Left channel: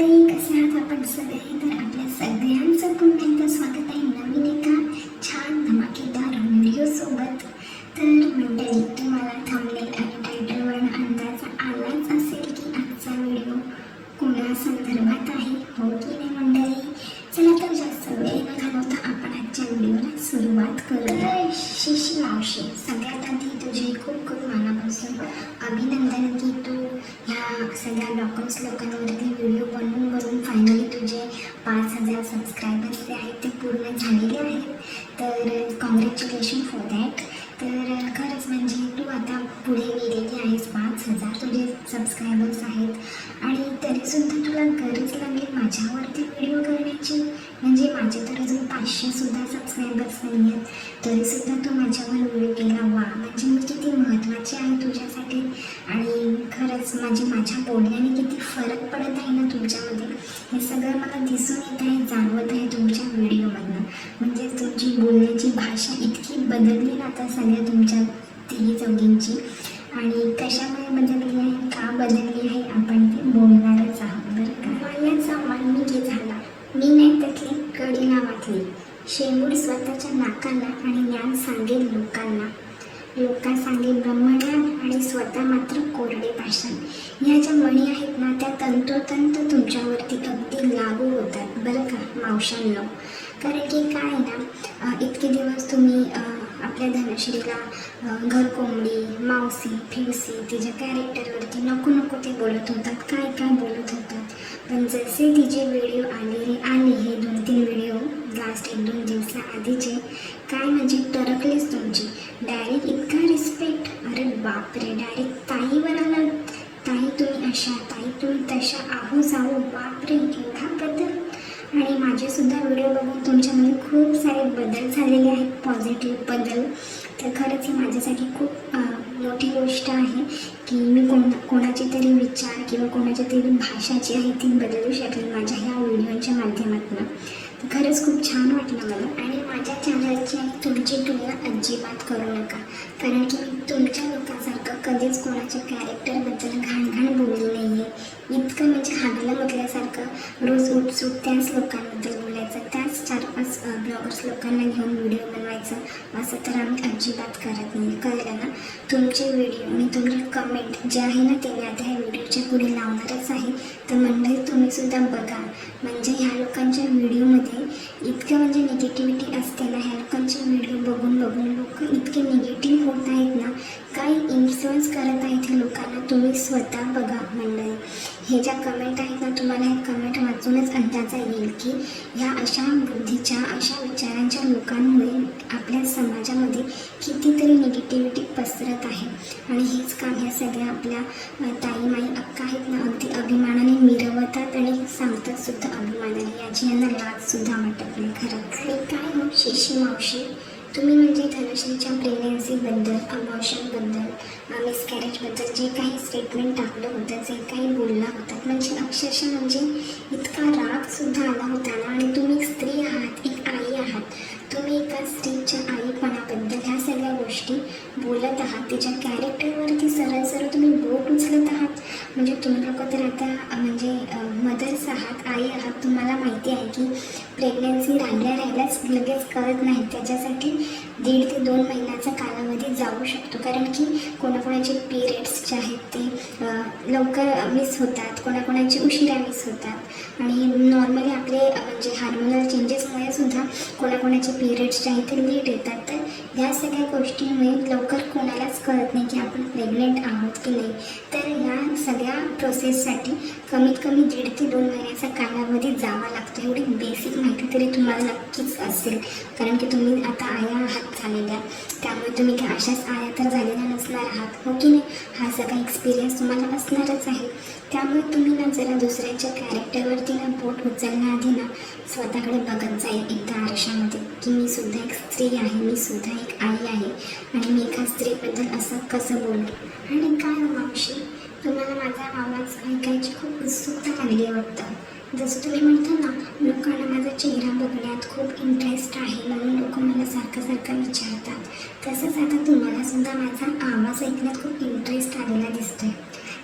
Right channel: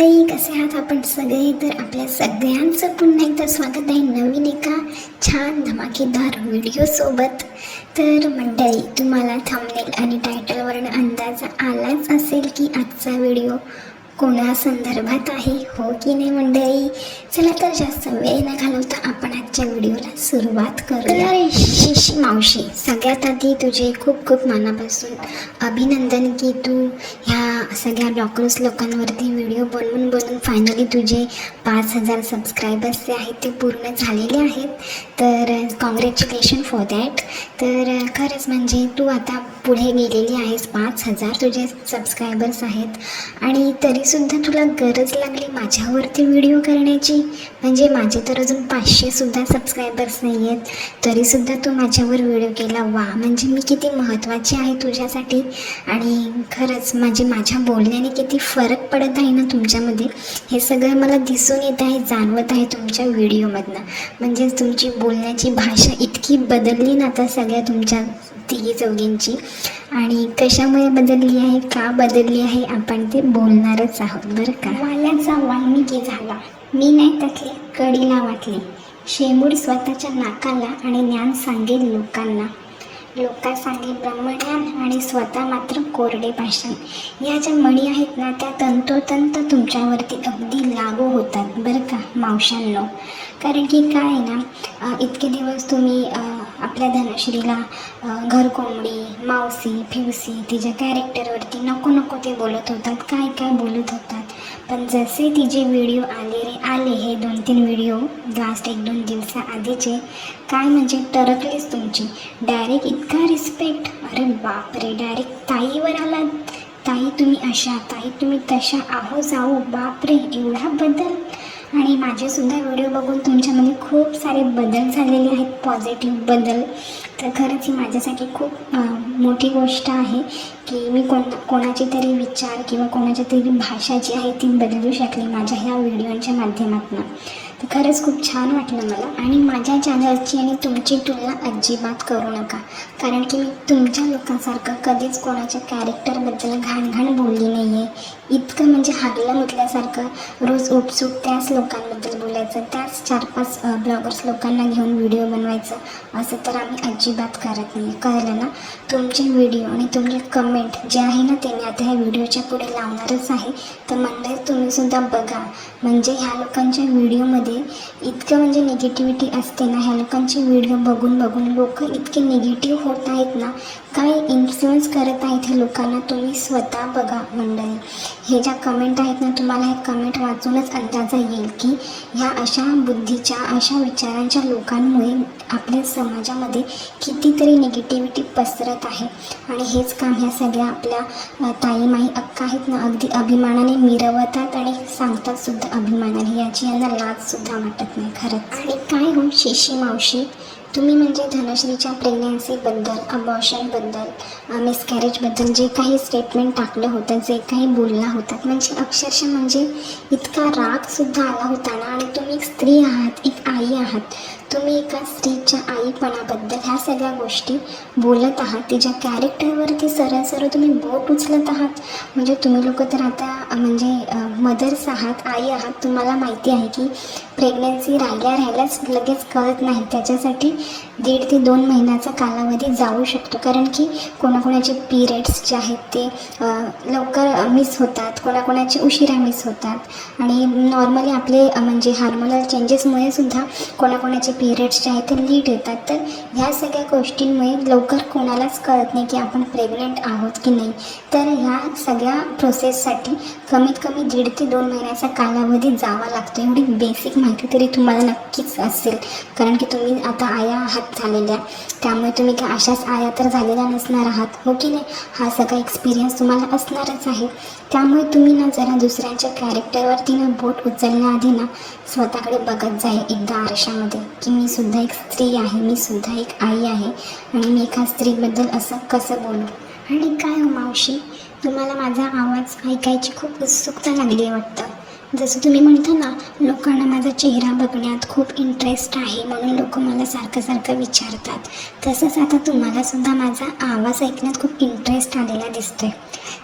मंडळी, कसे आहात आपण सगळे? तर आपल्या सगळ्यांचं पुन्हा एकदा स्वागत आहे नवीन एका छान धमाकेदार व्हिडिओसोबत. तर मंडळी, तुम्हाला थंबनेल आणि टायटलवरून अंदाज आलाच असेल की आजचा व्हिडिओ कोणा संदर्भात आहे, हो की नाही मंडळी? चला तर जास्त वेळ न घालवता आपण आजच्या व्हिडिओला सुरुवात करूया. तर शिशी मावशी, सगळ्यात आधी तुझे खूप खूप मनापासून अभिनंदन की तू ह्या सगळ्या ब्लॉगर्स लोकांवरती व्हिडिओ बनवून फायनली तुझे 5,000 सबस्क्रायबर्स जे आहेत ते पूर्ण झालेले आहेत. तर कॉंग्रॅच्युलेशन फॉर दॅट. तर खरंच म्हणजे तू आता पुढे गेलेली आहेस. 5,000 तुझे सबस्क्रायबर्स आहेत आणि तरीसुद्धा तुला गरज लागली माझ्यावरती व्हिडिओ करण्याची. म्हणजे माझे तर अजून 500सुद्धा सबस्क्रायबर्स नाही आहेत, तरीसुद्धा तू माझ्यावर व्हिडिओ केला. वा, म्हणजे मी किती महत्त्वाची आहे तुझ्यासाठी. आणि खरंच म्हणजे माझ्या बोलण्याने किती फरक पडत आहे ना तुमच्यामध्ये, हे सगळं मला दिसून येत आहे, जाणवत आहे तुमच्या व्हिडिओमधनं. म्हणजेच तुमची बोलण्याची भाषा इतकी बदलली ना आता सगळ्या तुमच्या तिघी चौघींची. आणि कशामुळे बदलली आहे, का बदलली आहे, आपण ते बोलणारच आहोत बरं का. वाल्याचा वाल्मिकी झाला, मी नाही त्यातली कडीला वाटली. शेमूड स्वतःच्या नाकाला आणि ज्ञान सांगेल लोकांना. लोका सांगेल ब्रह्मज्ञान आणि स्वतः मात्र कोरडे भाषण. ह्या ज्या म्हणी आहेत ना, त्या तंतोतंत तुमच्यावरती अगदी लागू होतात बरं का मावशांनो. कारण की काय आहे ना, इतके दिवस तुम्ही आपल्या धनश्रीला घरकोंबडी, मावशी, फिवसी तिच्या कॅरेक्टरवरती नको नको ते बोलत होतात, काय काय बोलत होतात. पण जसे तिचे व्हिडिओ आले हे 2-3 व्हिडिओ लास्ट 1-2 दिवसाआधीचे, काय म्हणजे टरकलीच तुमची. डायरेक्ट इतका रिस्पेक्ट, अरे बापरे, डायरेक्ट ताईवर आला. ताई तुम्ही अशा, ताई तुम्ही तशा, आहो जाऊ, बापरे एवढा बदल. आणि माझेसुद्धा व्हिडिओ बघून तुमच्यामध्ये खूप सारे बदल झालेले आहेत, पॉझिटिव्ह बदल. तर खरंच ही माझ्यासाठी खूप मोठी गोष्ट आहे की मी कोणाची तरी विचार किंवा कोणाची तरी भाषा जी आहे ती बदलू शकली माझ्या ह्या व्हिडिओच्या माध्यमातून. तर खरंच खूप छान वाटलं मला. आणि माझ्या चॅनलची आणि तुमची तुलना अजिबात करू नका, कारण की मी तुमच्या लोकांसारखं कधीच कोणाच्या कॅरेक्टरबद्दल घाण बोलली नाही आहे. इतकं म्हणजे हागलं म्हटल्यासारखं रोज उपसूक त्याच लोकांबद्दल बोलायचं, त्याच 4-5 ब्लॉगर्स लोकांना घेऊन व्हिडिओ बनवायचं, असं तर आम्ही अजिबात करत नाही, कळलं ना. तुमचे व्हिडिओ आणि तुमचे कमेंट जे आहे ना, ते मी आता ह्या व्हिडिओच्या पुढे लावणारच आहे. तर मंडळी तुम्हीसुद्धा बघा. म्हणजे ह्या लोकांच्या व्हिडिओमध्ये इतकं म्हणजे निगेटिव्हिटी असते ना, ह्या लोकांचे व्हिडिओ बघून लोक इतके निगेटिव्ह होत आहेत ना, काय इन्फ्लुअन्स करत आहेत ह्या लोकांना, तुम्ही स्वतः बघा मंडळी. हे ज्या कमेंट आहेत ना, तुम्हाला हे कमेंट वाचूनच अंदाजा येईल की ह्या अशा बुद्धीच्या, अशा विचारांच्या लोकांमुळे आपल्या समाजामध्ये कितीतरी निगेटिव्हिटी पसरत आहे. आणि हेच काम ह्या सगळ्या आपल्या ताईमाई अक्का आहेत ना, अगदी अभिमानाने मिरवतात आणि सांगतात सुद्धा अभिमानाने, याची यांना लाजसुद्धा वाटत नाही खरंच. आणि काय हो शिशी मावशी, तुम्ही म्हणजे धनश्रीच्या प्रेग्नन्सीबद्दल, अबॉर्शनबद्दल, मिसकॅरेजबद्दल जे काही स्टेटमेंट टाकलं होतं, जे काही बोलला होतात, म्हणजे अक्षरशः म्हणजे इतका रागसुद्धा आला होता ना. आणि तुम्ही एक स्त्री आहात, एक आई आहात, तुम्ही एका स्त्रीच्या आईपणाबद्दल ह्या सगळ्या गोष्टी बोलत आहात, तिच्या कॅरेक्टरवरती सरळ तुम्ही बोट उचलत आहात. म्हणजे तुम्ही लोक तर आता म्हणजे मदर्स आहात, आई आहात. तुम्हाला माहिती आहे की प्रेग्नन्सी राहिल्याच लगेच कळत नाही, त्याच्यासाठी 1.5 ते 2 महिन्याचा कालावधी जाऊ शकतो. कारण की कोणाकोणाचे पिरियड्स जे आहेत ते लवकर मिस होतात, कोणाकोणाचे उशिरा मिस होतात. आणि नॉर्मली आपले म्हणजे हार्मोनल चेंजेसमुळे सुद्धा कोणाकोणाचे पिरियड्स जे आहेत ते लेट येतात. तर ह्या सगळ्या गोष्टींमुळे लवकर कोणालाच कळत नाही की आपण प्रेग्नेंट आहोत की नाही. तर ह्या सगळ्या प्रोसेससाठी कमीत कमी 1.5 ते 2 महिन्याचा कालावधी जावा लागतो. एवढी बेसिक माहिती तरी तुम्हाला नक्कीच असेल, कारण की तुम्ही आता आया आहात झालेल्या, त्यामुळे तुम्ही काय अशाच आया तर झालेल्या नसणार आहात, हो की नाही. हा सगळा एक्सपिरियन्स तुम्हाला असणारच आहे. त्यामुळे तुम्ही ना जरा दुसऱ्यांच्या कॅरेक्टरवरती ना बोट उचलण्याआधी ना स्वतःकडे बघत जाईल एकदा आरशामध्ये की मी सुद्धा एक स्त्री आहे, मी सुद्धा एक आई आहे आणि मी एका स्त्रीबद्दल असं कसं बोलू. आणि काय हो मावशी, तुम्हाला माझा आवाज ऐकायची खूप उत्सुकता लागली आहे वाटतं. जसं तुम्ही म्हणता ना, लोकांना माझा चेहरा बघण्यात खूप इंटरेस्ट आहे म्हणून लोक मला सारखं सारखं विचारतात, तसंच आता तुम्हालासुद्धा माझा आवाज ऐकण्यात खूप इंटरेस्ट आलेला दिसतो आहे.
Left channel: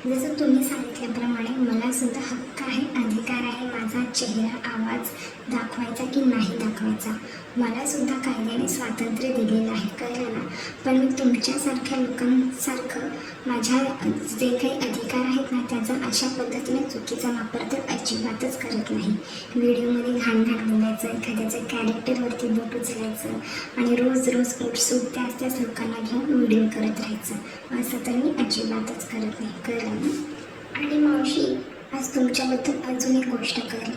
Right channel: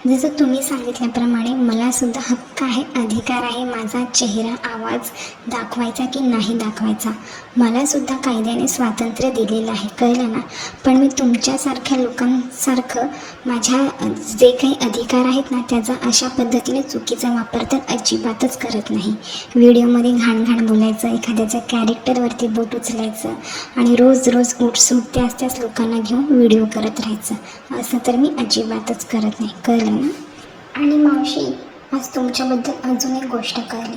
जसं तुम्ही सांगितल्याप्रमाणे मलासुद्धा हक्क आहे, अधिकार आहे माझा चेहरा, आवाज दाखवायचा की नाही दाखवायचा. मलासुद्धा कायद्याने स्वातंत्र्य दिलेलं आहे, कळलं ना. पण मी तुमच्यासारख्या लोकांसारखं माझ्या जे काही अधिकार आहेत ना त्याचा अशा पद्धतीने चुकीचा वापर तर अजिबातच करत नाही. व्हिडिओमध्ये घाण घाण बोलायचं, एखाद्याच्या कॅरेक्टरवरती बोट उचलायचं आणि रोज रोज उठसूट त्याच लोकांना घेऊन व्हिडिओ करत राहायचं, असं तर मी अजिबातच करत नाही, कळलं ना. आणि मावशी, आज तुमच्याबद्दल अजून एक गोष्ट कळली.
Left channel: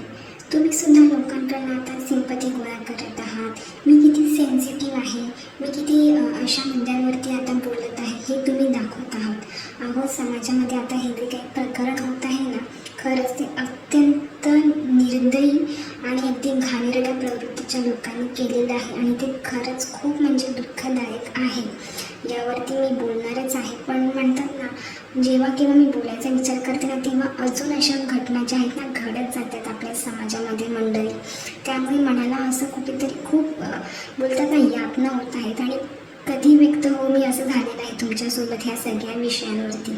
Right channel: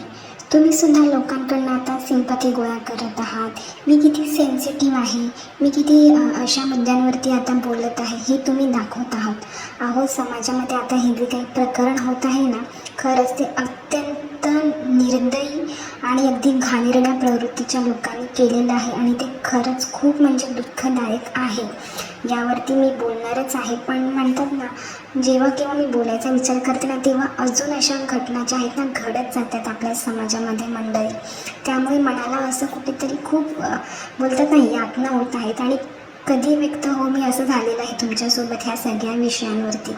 तुम्हीसुद्धा लोकांकडून आता सिंपती गोळा करत आहात. मी किती सेन्सिटिव्ह आहे, मी किती अशा मुद्द्यांवरती आता बोलत आहे हे तुम्ही दाखवत आहात. अहो, समाजामध्ये आता हे जे काही प्रकरण होत आहे ना, खरंच ते अत्यंत निर्दयी आणि अगदी घाणेरड्या प्रवृत्तीच्या लोकांनी केलेलं आहे आणि ते खरंच खूप म्हणजे दुःखदायक आहे. यावरती मी बोलणारच आहे. पण म्हणतात ना, जेव्हा केव्हा मी बोलायचा विचार करते ना तेव्हा अजून अशा घटना ज्या आहेत ना घडत जातात आपल्या समाजामध्ये मंडळी. त्यामुळे मनाला असं कुठेतरी खूप बोलतात ना यातना होत आहेत. आणि कधी व्यक्त हो मी असं झालेलं आहे तुमच्यासोबत ह्या सगळ्या विषयांवरती.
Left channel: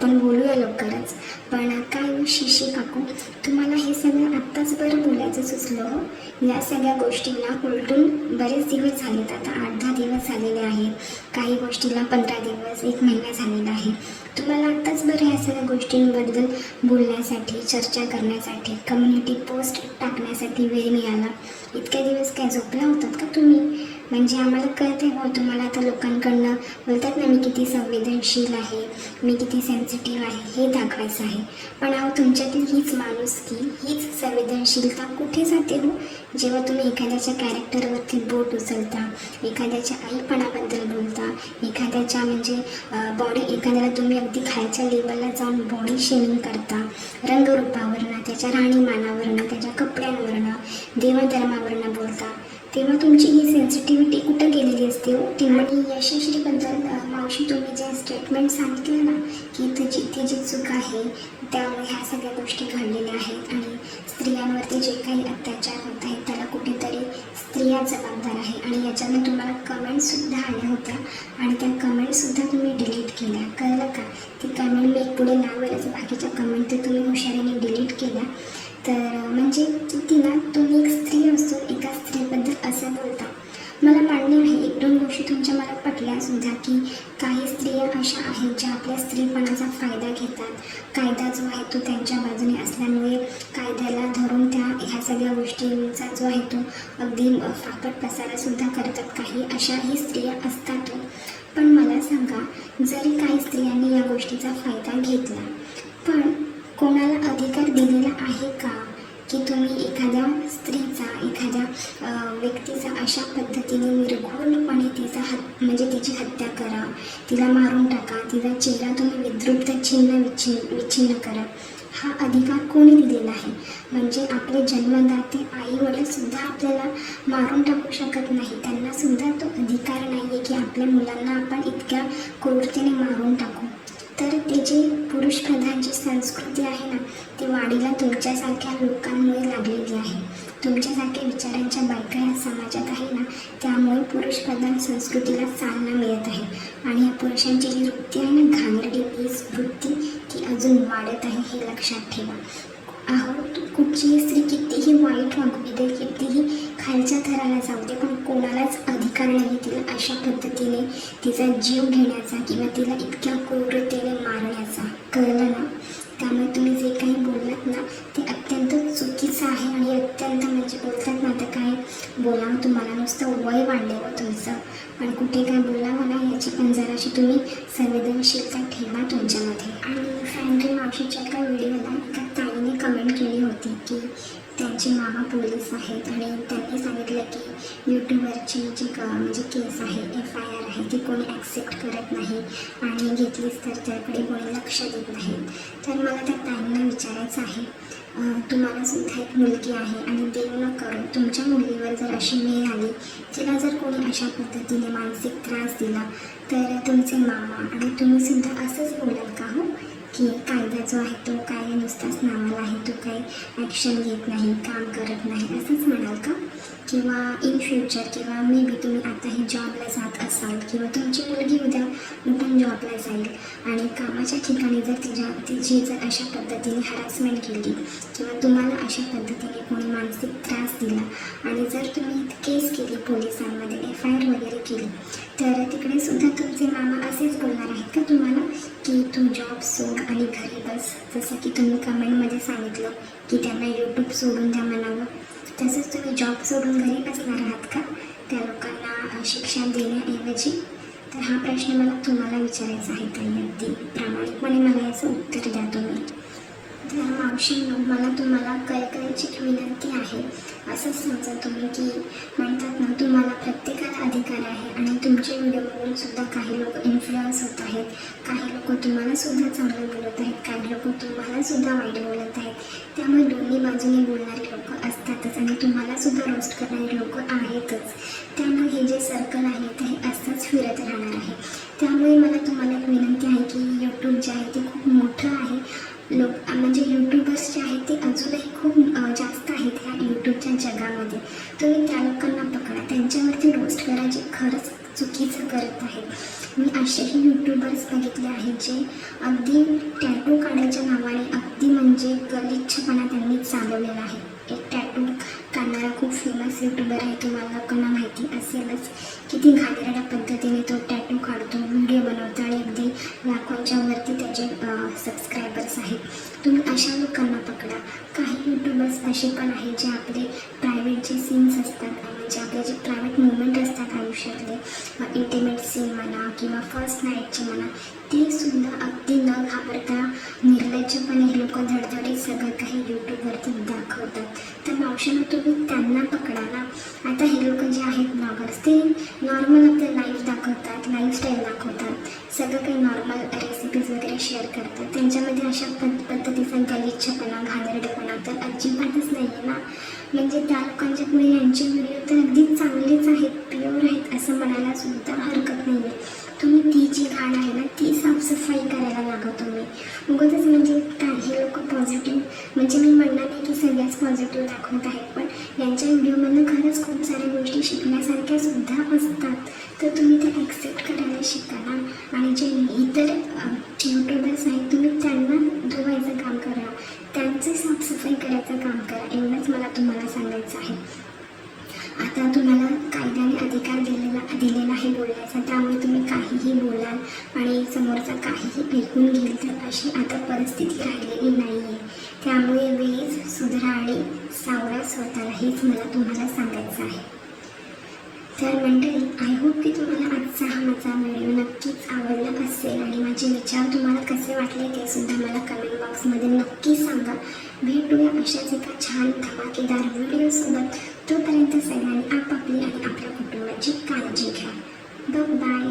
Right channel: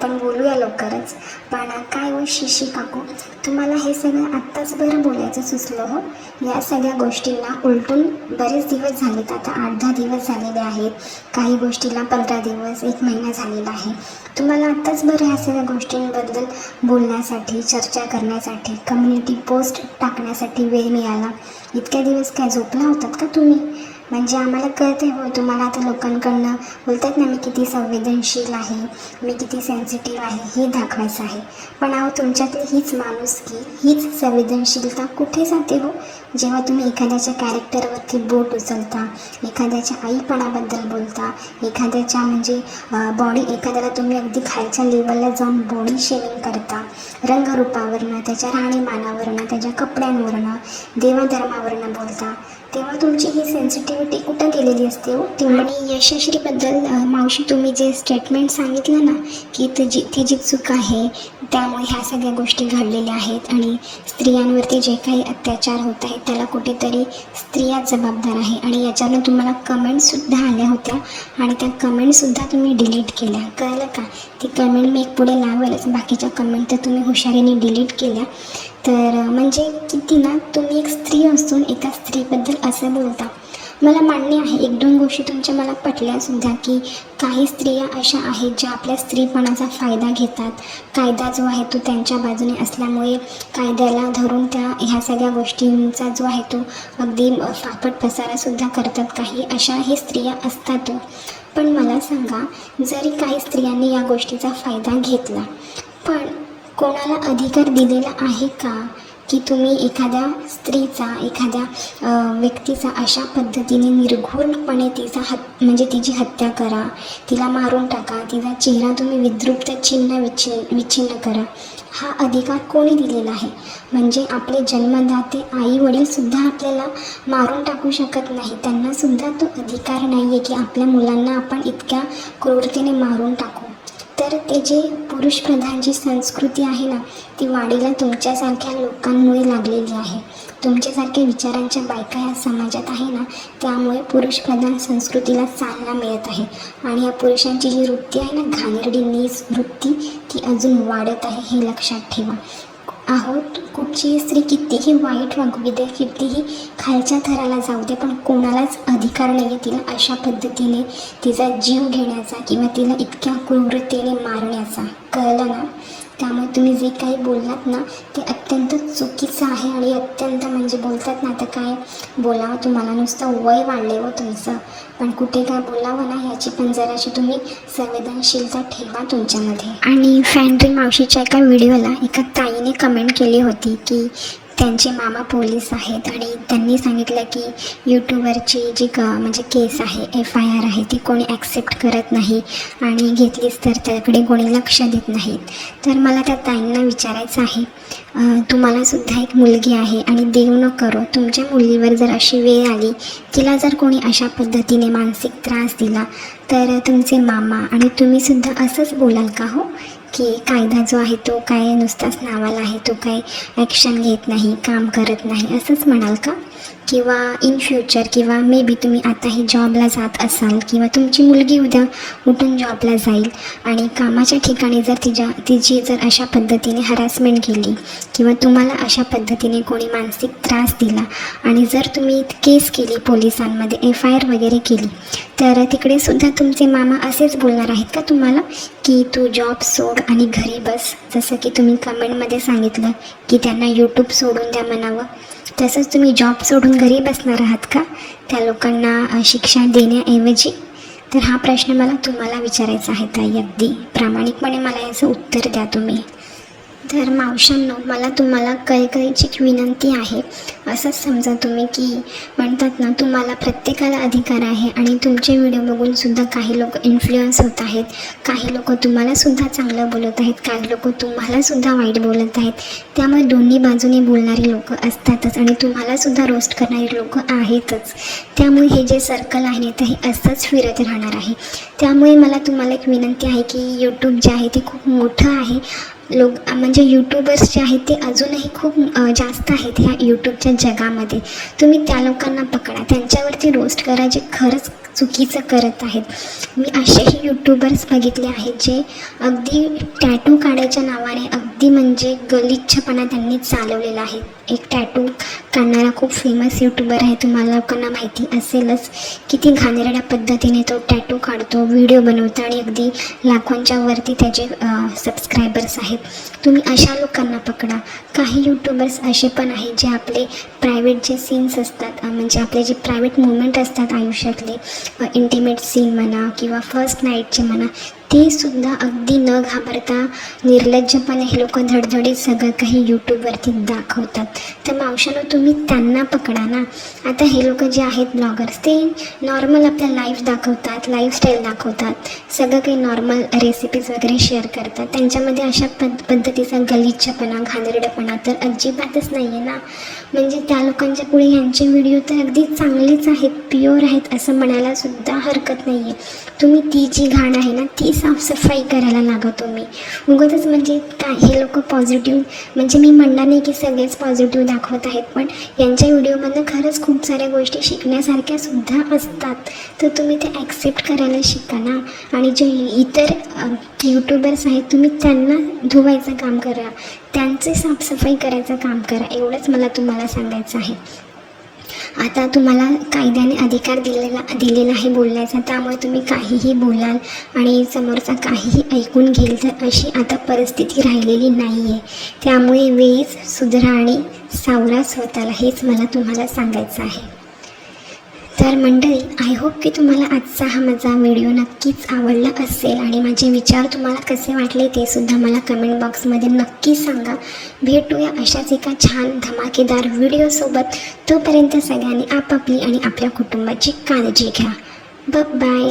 पण बोलूया लवकरच. पण काय हो शिशी काकू, तुम्हाला हे सगळं आत्ताच बरं बोलायचं सुचलं हो? या सगळ्या गोष्टींना उलटून बरेच दिवस झालेत, आता 8-10 दिवस झालेले आहेत, काही गोष्टीला 15 दिवस, 1 महिना झालेला आहे. तुम्हाला आत्ताच बरं ह्या सगळ्या गोष्टींबद्दल बोलण्यासाठी, चर्चा करण्यासाठी, कम्युनिटी पोस्ट टाकण्यासाठी वेळ मिळाला? इतक्या दिवस काय झोपला होतात का तुम्ही? म्हणजे आम्हाला कळते हो तुम्हाला आता लोकांकडनं बोलतात ना मी किती संवेदनशील आहे, मी किती सेन्सिटिव्ह आहे हे दाखवायचं आहे. पण अहो, तुमच्यातील हीच माणुसकी, हीच संवेदनशीलता कुठे जाते हो? जेव्हा तुम्ही एखाद्याच्या कॅरेक्टरवरती बोट उचलता, एखाद्याच्या आईपणाबद्दल बोलता, एखाद्याच्या म्हणजे एखाद्याला तुम्ही अगदी खालच्या लेवलला जाऊन बॉडी शेमिंग करता, रंगरूपावरनं, त्याच्या राहणीमानावरनं, त्याच्या कपड्यांवरनं, देवाधर्मावरनं बोलता, तेव्हा तुमची ही सेन्सिटिव्हिटी कुठं गेलेली असते हो? आणि यशश्रीबद्दल मावशी तुम्ही जे स्टेटमेंट सांगितलं ना की तिची चूक आहे, त्यामुळे ह्या सगळ्या गोष्टी घडलेल्या आहेत आणि स्त्रियांवरती जे काही अत्याचार होत आहेत त्याला कुठेतरी स्त्रिया जबाबदार आहे. आणि याच्यानं तुम्हाला कमेंट्ससुद्धा आल्या होत्या आणि त्या कमेंटसुद्धा तुम्ही डिलीट केल्या, कळलं का? ती कमेंट मी एक पुढे लावेलच, बाकीच्या कमेंट तर तुम्ही हुशारीने डिलीट केल्या. तर म्हणजे किती ना तुम्ही एक स्त्री असून एका स्त्रीबद्दल असं बोलता. मला मान्य आहे, 1-2 गोष्टी तुमच्या मला पटल्यासुद्धा की काही स्त्रिया अशा आहेत ज्या आपल्या स्त्रीपणाचा फायदा घेतात. कायदा जो आहे तो त्यांच्या बाजूने असल्यामुळे कायद्याला धरून त्या ह्या सगळ्या गोष्टींचा जो आहे तो अगदी फापट पसारासुद्धा करतात. काही अशाही स्त्रिया असतात. पण मला सांगा, जरी काही स्त्रियांनी या गोष्टीचा फायदा घेतला, पण कोणाला अधिकार दिलेला आहे का की तुम्ही एखाद्या स्त्रीचा, एखाद्या व्यक्तीचा अशा पद्धतीने निर्घृणपणे म्हणजे तिची हत्या करा, तिला मारून टाका, तिचा चेहरा तुम्ही विद्रुप विच्छिन्न करा? हा अधिकार कोणी दिलेला आहे? म्हणजे आपले जन्मदाते आई वडीलसुद्धा आपल्याला मारून टाकू शकत नाही, त्यांनासुद्धा तो अधिकार नाही आहे की आपल्या मुलांना आपण इतक्या क्रूरतेने मारून टाकू. तर ते जे पुरुषप्रधान जी संस्कृती आहे ना ती वाढीला तुमच्यासारख्या लोकांमुळे लागलेली आहे. तुमच्यासारख्या विचारांच्या बायका या समाजात आहे ना, त्यामुळे पुरुषप्रधान संस्कृतीला चालना मिळत आहे. आणि या पुरुषांची जी वृत्ती आहे ना, घाणेरडी नीच वृत्ती, ती अजून वाढत आहे, हे लक्षात ठेवा. अहो, कुठची स्त्री कितीही वाईट वागू दे, कितीही खालच्या थराला जाऊ दे, पण कोणालाच अधिकार नाही आहे तिला अशा पद्धतीने तिचा जीव घेण्याचा किंवा तिला इतक्या क्रूरतेने मारण्याचा, कळलं ना? त्यामुळे तुम्ही जे काही बोललात ना ते अत्यंत चुकीचं आहे आणि अत्यंत म्हणजे बोलतात ना, आता काय बोलावं तुम्हाला, नुसतं वय वाढले हो तुमचं. पण कुठे काय बोलावं ना याची पण जराशी तुम्ही संवेदनशीलता ठेवा तुमच्यामध्ये. आणि फॅन्ड्री मावशीच्या एका व्हिडिओला एका ताईने कमेंट केली होती की त्यांचे मामा पोलीस आहेत आणि त्यांनी सांगितलं की यूट्यूबवरची जी म्हणजे केस आहे, FIR आहे, ती कोणी ॲक्सेप्ट करत नाही आणि घेतलीच तर त्याकडे कोणी लक्ष देत नाहीत. तर मला त्या ताईंना विचारायचं आहे, तुम्हालासुद्धा एक मुलगी आहे आणि देव न करो तुमच्या मुलीवर जर अशी वेळ आली, तिला जर कोणी अशा पद्धतीने मानसिक त्रास दिला, तर तुमचे मामा आणि तुम्हीसुद्धा असंच बोलाल का हो की कायदा जो आहे तो काय नुसताच नावाला आहे, तो काय ॲक्शन घेत नाही, काम करत नाही असंच म्हणाल का? किंवा इन फ्युचर किंवा मे बी तुम्ही आताही जॉबला जात असाल किंवा तुमची मुलगी उद्या उठून जॉबला जाईल आणि कामाच्या ठिकाणी जर तिची जर अशा पद्धतीने हॅरॅसमेंट केली किंवा तुम्हाला अशा पद्धतीने कोणी मानसिक त्रास दिला आणि जर तुम्ही केस केली पोलिसांमध्ये, FIR वगैरे केली, तर तिकडे सुद्धा तुमचे मामा असेच बोलणार आहेत का तुम्हाला की तू जॉब सोड आणि घरी बस? जसं की तुम्ही कमेंटमध्ये सांगितलं की त्यांना यूट्यूब सोडून द्या म्हणावं, तसंच तुम्ही जॉब सोडून घरी बसणार आहात का त्या लोकांना शिक्षा देण्याऐवजी? तर हा प्रश्न मला तुम्हाला विचारायचा आहे ताई. अगदी प्रामाणिकपणे मला याचं उत्तर द्या तुम्ही. तर मावशांनो, मला तुम्हाला कळकळीची एक विनंती आहे. असंच समजा तुम्ही की म्हणतात ना, तुम्हाला प्रत्येकाला अधिकार आहे आणि तुमचे व्हिडिओ बघूनसुद्धा काही लोक इन्फ्लुअन्स होत आहेत, काही लोक तुम्हालासुद्धा चांगलं बोलत आहेत, काही लोक तुम्हालासुद्धा वाईट बोलत आहेत. त्यामुळे दोन्ही बाजूने बोलणारी लोक असतातच आणि तुम्हालासुद्धा रोस्ट करणारी लोक आहेतच. त्यामुळे हे जे सर्कल आहे ते हे असंच फिरत राहणार आहे. त्यामुळे मला तुम्हाला एक विनंती आहे की यूट्यूब जे आहे ते खूप मोठं आहे. म्हणजे यूट्यूबर्स जे आहेत ते अजूनही खूप जास्त आहेत ह्या यूट्यूबच्या जगामध्ये. तुम्ही त्या लोकांना पकडा, त्यांच्यावरती रोस्ट करा जे खरंच चुकीचं करत आहेत. मी असेही यूट्यूबर्स बघितले आहेत जे अगदी टॅटू काढायच्या नावाने अगदी म्हणजे गलिच्छपणा त्यांनी चालवलेला आहे. एक टॅटू काढणारा खूप फेमस यूट्यूबर आहे, तुम्हाला लोकांना माहिती असेलच. किती घाणेरड्या पद्धतीने तो टॅटू काढतो, व्हिडिओ बनवतो आणि अगदी लाखोंच्या वरती त्याचे सबस्क्रायबर्स आहेत. तुम्ही अशा लोकांना पकडा. काही यूट्यूबर्स असे पण आहेत जे आपले प्रायव्हेट जे सीन्स असतात, म्हणजे आपले जे प्रायव्हेट मुवमेंट असतात आयुष्यातले, इंटिमेट सीन म्हणा किंवा फर्स्ट नाईटचे म्हणा, ते सुद्धा अगदी न घाबरता निर्लज्जपणे हे लोक धडधडीत सगळं काही यूट्यूबवरती दाखवतात. तर मावशांनो, तुम्ही त्यांना पकडा ना. आता हे लोक जे आहेत ब्लॉगर्स, ते नॉर्मल आपल्या लाईफ दाखवतात, लाईफस्टाईल दाखवतात, सगळं काही नॉर्मल रेसिपीज वगैरे शेअर करतात. त्यांच्यामध्ये अशा पद्धतीचा गलिच्छपणा, घाणेरडेपणा तर अजिबातच नाही आहे ना. म्हणजे त्या लोकांच्या पुढे यांचे व्हिडिओ तर अगदी चांगलेच आहेत, प्युअर आहेत असं म्हणायला सुद्धा हरकत नाही आहे. तुम्ही ती जी घाण आहे ना ती साफसफाई करायला लागा तुम्ही. उगाचच म्हणजे काही लोक पॉझिटिव्ह, म्हणजे मी म्हणणार नाही की सगळेच पॉझिटिव्ह दाखवत आहेत, पण यांच्या व्हिडिओमधनं खरंच खूप साऱ्या गोष्टी शिकण्यासारख्या सुद्धा असतात. तर तुम्ही ते ॲक्सेप्ट करायला शिका ना. आणि जे इतर यूट्यूबर्स आहेत तुम्ही त्यांना धुवायचं काम करा, त्यांचे साफसफाई करायचं काम करा. एवढंच मला तुम्हाला सांगायचं आहे. आता तुम्हाला कायद्याने अधिकार दिलेला आहे बोलण्याचा, त्यामुळे तुम्ही काहीही बोलाल आणि समोरचा काहीही ऐकून घेईल, तर अशी आता परिस्थिती राहिलेली नाही आहे. त्यामुळे वेळीच सुधरा आणि सावरा स्वतःला, हेच मला तुम्हाला सांगायचं आहे. तर मंडळी, आय होप की तुम्हाला आजचा हा माझा व्हिडिओ नक्कीच आवडला असेल आणि माझे विचार तुम्हाला कसे वाटले ते सुद्धा मला कमेंट बॉक्समध्ये नक्की सांगा. भेटूया अशाच एका छान धमाकेदार व्हिडिओसोबत. तोपर्यंत सगळ्यांनी आपापली आणि आपल्या कुटुंबाची काळजी घ्या. बाय.